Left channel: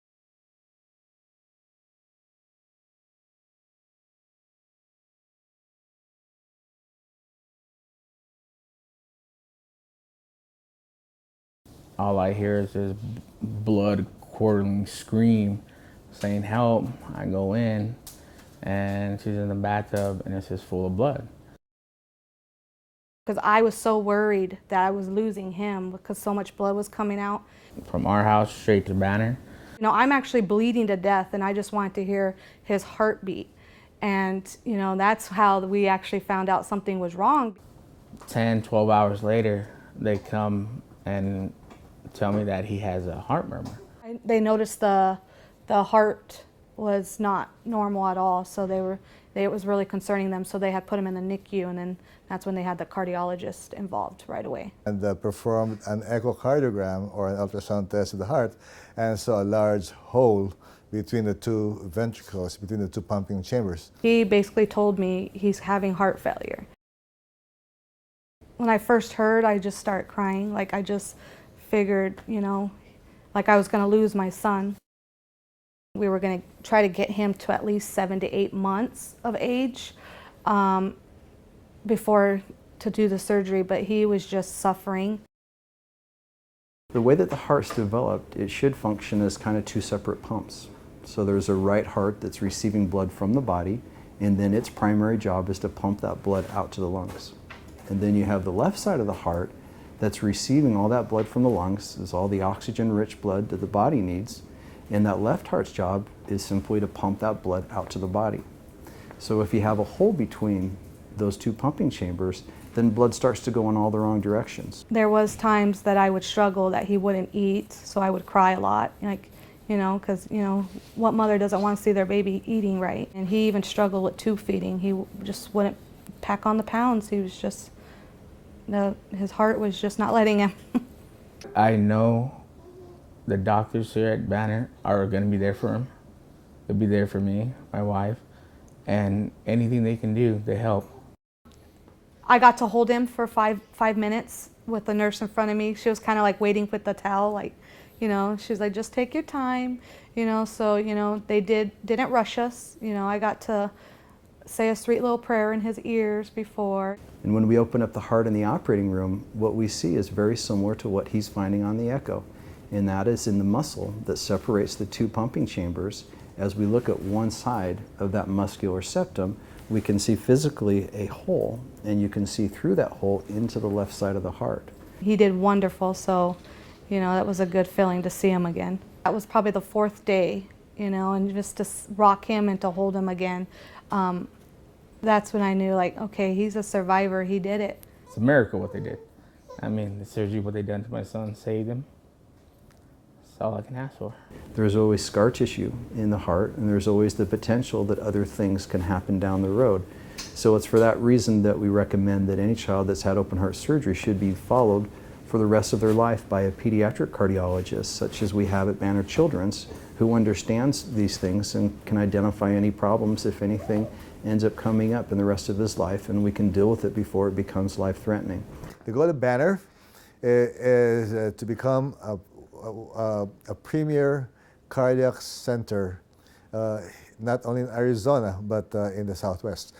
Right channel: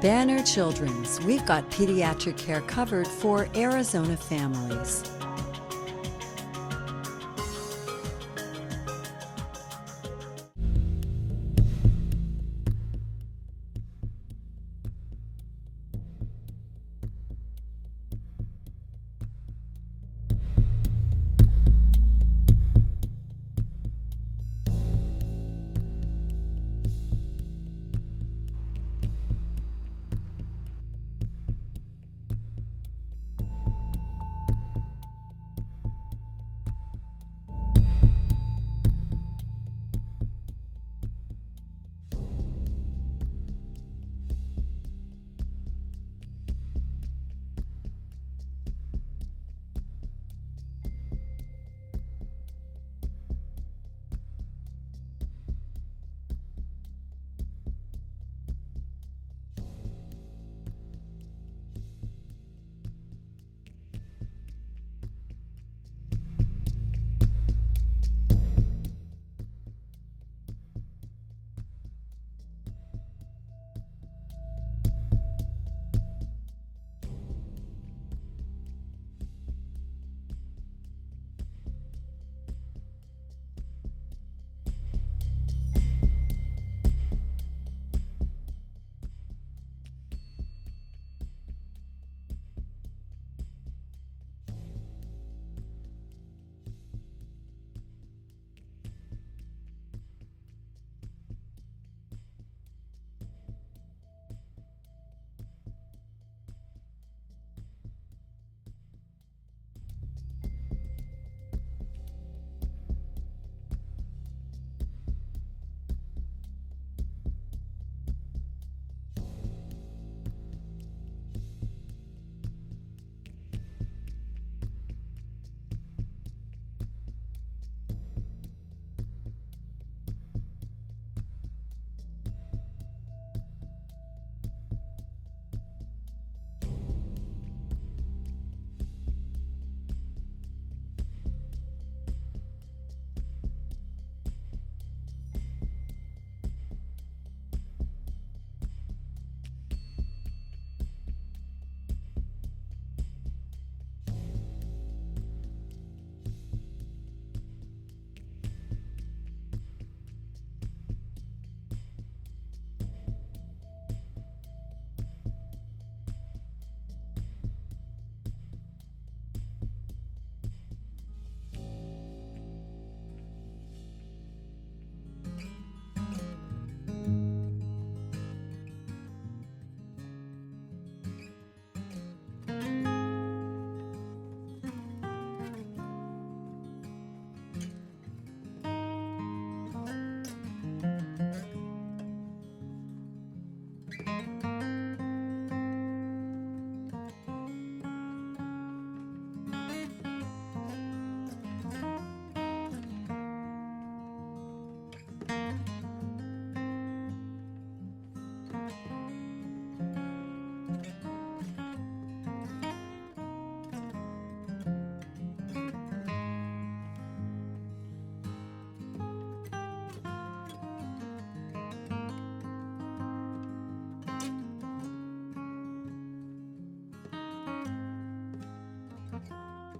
Banner Children's, we've got pediatric care covered for Arizona families. All I hear is this blood-curdling scream saying help. I go in and she's in the bathtub and it's just full of blood. Because I was so worried that I was losing him because so much blood was coming out. From our house straight to Banner. You know, I'm actually bleeding to death and I just wanted to hear his heartbeat. And, you know, that's how we actually found out something was wrong. 10, 12 hours later, they come and tell me that he has a heart murmur. They noticed the heart was not normal at all, so it was really concerning them, so they had put him in the NICU, and then that's when they had the cardiologist involved right away. And performed an echocardiogram or an ultrasound test of the heart and saw a large hole between the two ventricles, between the two pumping chambers. He basically told me he's having heart failure. When I first heard, I just started crying. Like, I just figured, you know, like I was gonna lose my son. We were gonna try to get him to at least 7 to 8 months of age before to do the surgery, but he was just suffering. The way that the heart's developed, it should function as kind of two separate pumps. So there's a right heart that's receiving blood from the body, and then its primary job is to pump that blood out to the lungs. And then you have the left side of the heart that's receiving all that blood from the lungs, is all the oxygen-rich blood that the body needs, and that left heart's job is simply to pump that blood out to the body. So if you have a hole between those two pumping chambers, then blood starts to go in all the wrong directions. There was times that I would struggle that he wouldn't eat, so I would cry a lot, like, you know, because, you know, what mother doesn't want to see their baby eating right? And he even struggled with tube feeding. He just wouldn't pack on the pounds. He was just, his heart was just not letting him. I know the doctors here at Banner are going to be there for him. They'll be there for me, my wife, and anything they can do, they help. I got to hold him for five minutes with the nurse in front of me. She was kind of like waiting with the towel, like, you know, she's like, just take your time, you know, so, you know, they didn't rush us. You know, I got to say a sweet little prayer in his ears before. And when we open up the heart in the operating room, what we see is very similar to what he's finding on the echo. And that is in the muscle that separates the two pumping chambers. As we look at one side of that muscular septum, we can see physically a hole, and you can see through that hole into the left side of the heart. He did wonderful, so, you know, that was a good feeling to see him again. That was probably the 4th day, you know, and just to rock him and to hold him again. That's when I knew, like, okay, he's a survivor, he did it. It's a miracle what they did. I mean, the surgery, what they done to my son, saved him. That's all I can ask for. There's always scar tissue in the heart, and there's always the potential that other things can happen down the road. So it's for that reason that we recommend that any child that's had open heart surgery should be followed for the rest of their life by a pediatric cardiologist, such as we have at Banner Children's, who understands these things and can identify any problems, if anything ends up coming up in the rest of his life, and we can deal with it before it becomes life-threatening. The goal of Banner is to become a premier cardiac center, not only in Arizona, but in the Southwest.